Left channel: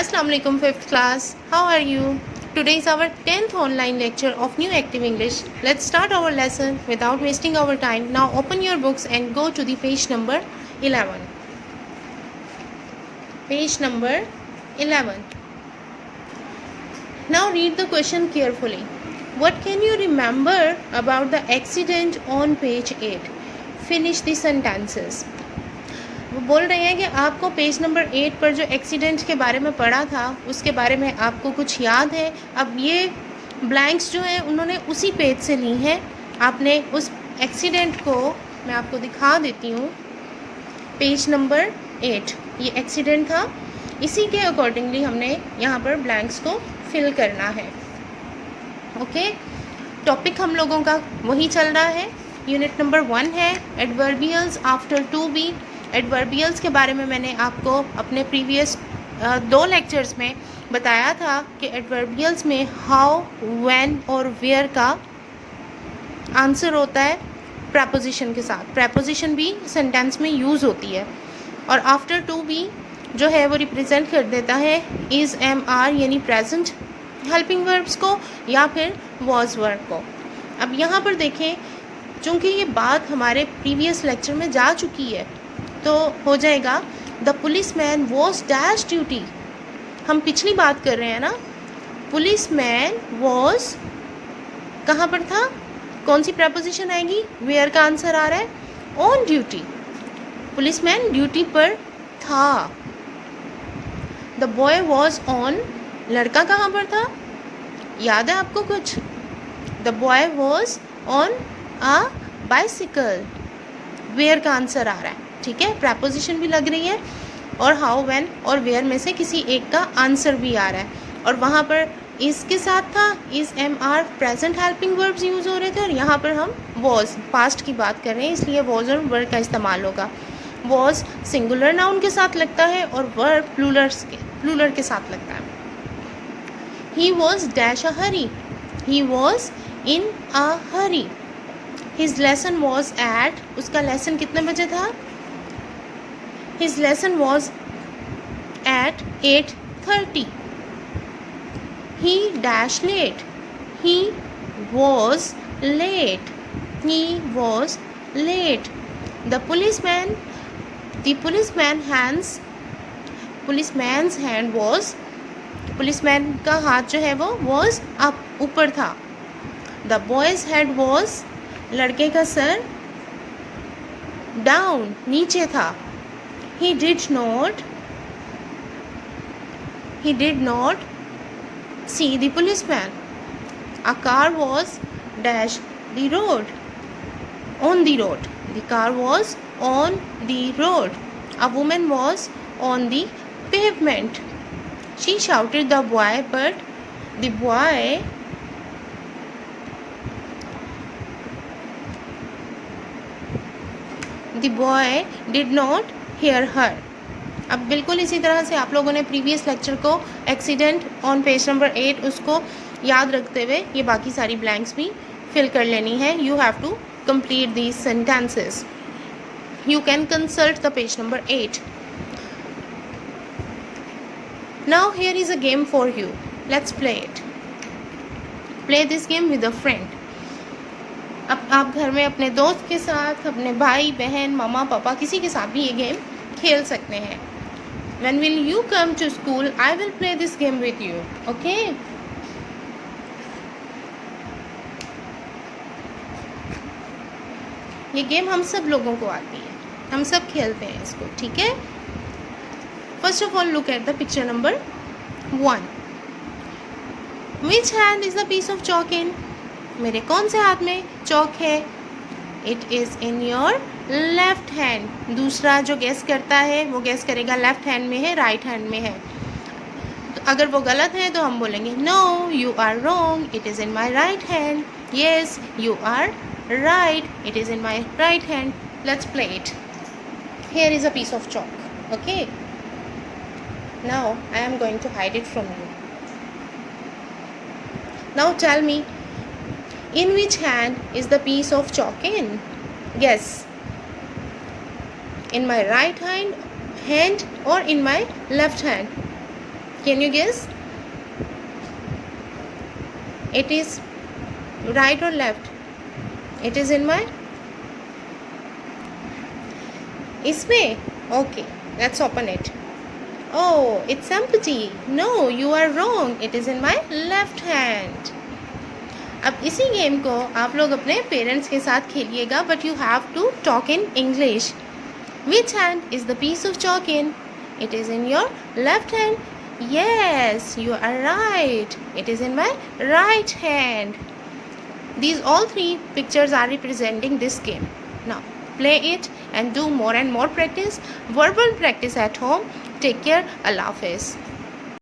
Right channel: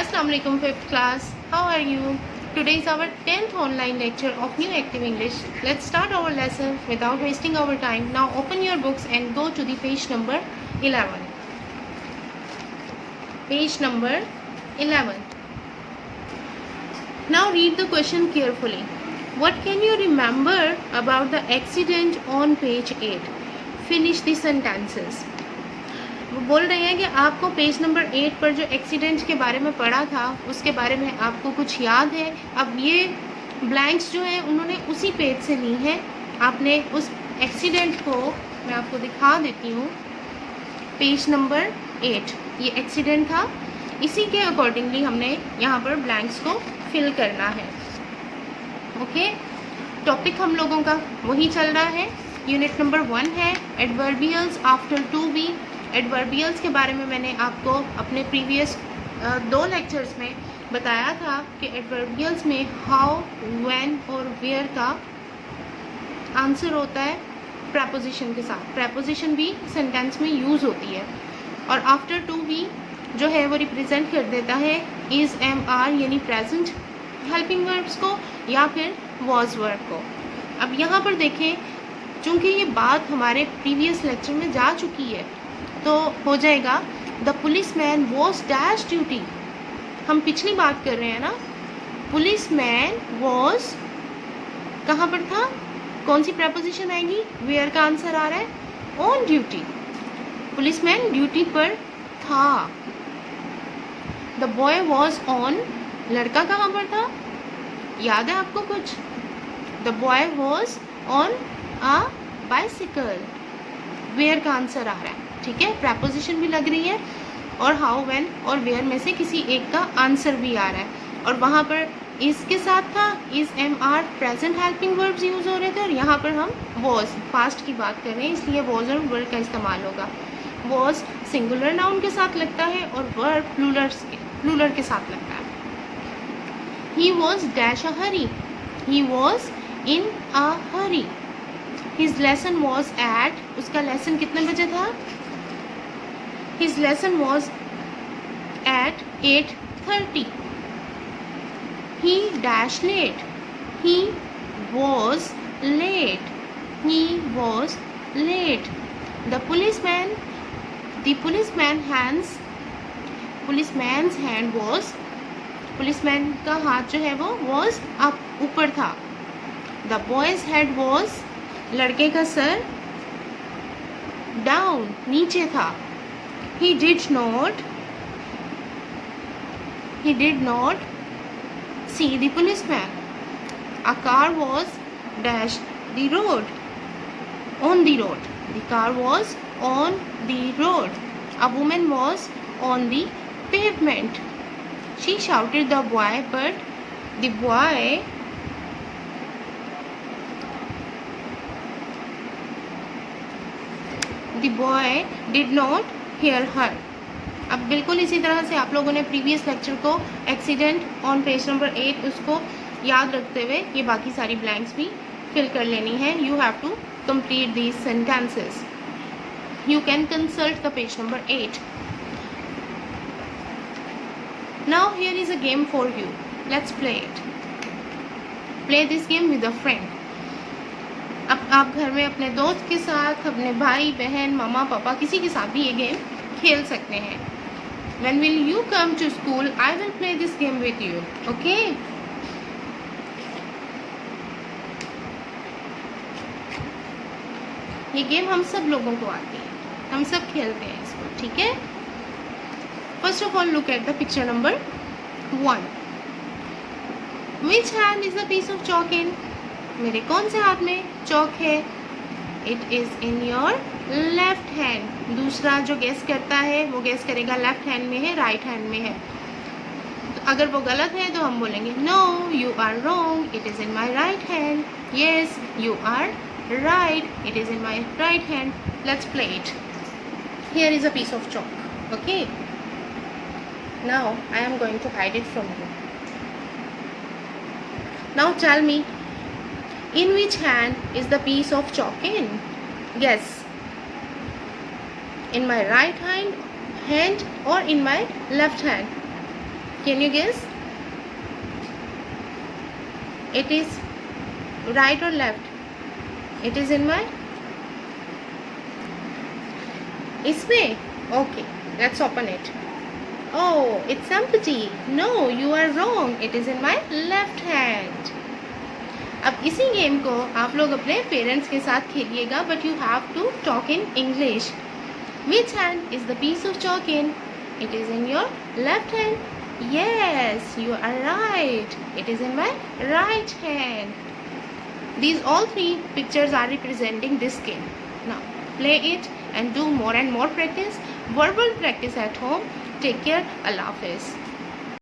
Assalamu alaikum 5th class. How are you? Today is our 10th online lecture of New Active English. Let's start our lesson without wasting our time. Now open your books and go to the page number 11. Page number 11. Now read the question carefully. What can you remember about the accident on page 8? Finish the sentences. वो बोल रहे हैं कि आपको page number 8 पर जो accident के बारे में पढ़ा था उसके बारे में आपको कुछ याद है। अब ये ब्लैंक्स जो हैं उन्होंने उसी पेज से ली हैं। आपने उस एक्सीडेंट को मैं आपको दिखा देती हूँ। पेज नंबर 8 ये एक्सीडेंट था, इसी के अकॉर्डिंगली हमने यहाँ पर ब्लैंक्स को फिल करना है। ओके, टॉपिक हम लोगों का वही चल रहा है। यूनिट नंबर 1 है adverbials after to be. Adverbials के बारे में मैंने आपको अपने प्रीवियस 2 लेक्चर्स में बताया था कि एडवर्बियल्स में हाउ, व्हेन और वेयर का आंसर होता है प्रपोजिशन के साथ। प्रपोजिशन भी सेंटेंस में यूज़ होती है और आफ्टर टू बी जो है वो रिप्रेजेंट कर देता है इज़, एम, आर यानी प्रेजेंट हेल्पिंग वर्ब्स को या फिर वॉज वर्ब को। अब यहाँ पर देखें, चूँकि ये बात हमारे प्रीवियस लेक्चर में जा चुकी है तो हो जाएगा the police man was dash duty. हम पिछली बात कर रहे हैं ना। पुलिस मैन वॉज कहाँ पर था, कौन सी प्रपोजिशन आएगी, वेयर का आंसर आ रहा है on duty. Police man duty पर था। द बॉय वॉज ऑन, लड़का कहाँ पर था, याद है आपको कुछ। The boy was on a bicycle, where का आंसर आ रहा है। ठीक है, प्रपोजिशन भी लग रही है और हाउ, व्हेन और वेयर में से किसी एक का आंसर भी आ रहा है। और वहाँ पर इस के साथ था is, am, are present helping verbs use हो रहे थे और यहाँ पर हम वॉज पास्ट की बात कर रहे हैं, इसलिए वॉज और वर्ब का इस्तेमाल होगा। वॉज सिंगुलर नाउन के साथ लगता है और वर्ब प्लूरल के साथ लगता है। He was dash a Hari, he was in a Hari. His lesson was at, उसका लेसन कितने बजे था, his lesson was at 8:30. He dash late, he was late, he was late. The policeman's hand was, policeman का हाथ जो है वो was up, ऊपर था। The boy's head was, लड़के का सर down, नीचे था। He did not see the policeman. A car was dash the road, on the road. The car was on the road. A woman was on the pavement. She shouted the boy, but the boy did not hear her. अब बिल्कुल इसी तरह से आप लोगों ने previous lecture को accident on page number 8 उसको याद रखते हुए ये बाकी सारी ब्लैंक्स भी फिल कर लेनी है। You have to complete these sentences. You can consult the page number 8। Now here is a game for you, let's play it. Play this game with a friend. अब आप घर में अपने दोस्त के साथ, अपने भाई बहन, मामा पापा, किसी के साथ भी ये गेम खेल सकते हैं। When will you come to school? I will play this game with you. Okay? ये गेम हम सब लोगों को आती है, हम सब खेलते हैं इसको। ठीक है, first of all look at the picture number 1. Which hand is the piece of chalk in? मेरे कौन से हाथ में चौक है? It is in your left hand. दूसरा जो गेस करता है वो गेस करेगा लेफ्ट हैंड में है, राइट हैंड में है। तो अगर वो गलत है तो हम बोलेंगे no, you are wrong, it is in my right hand. Yes, you are right, it is in my right hand. Let's play it. Here is a piece of chalk. Okay, now I am going to hide it from you. Now tell me, in which hand is the piece of chalk in? Guess. In my right hand or in my left hand? Can you guess? It is right or left? It is in my इसमें? Okay, let's open it. Oh, it's empty. No, you are wrong. It is in my left hand. अब इसी game को आप लोग अपने parents के साथ खेलिएगा, but you have to talk in English. Which hand is the piece of chalk in? It is in your left hand. Yes, you are right. It is in my right hand. These all three pictures are representing this game. Now, play it and do more and more practice. Verbal practice at home. Take care. Allah Hafiz.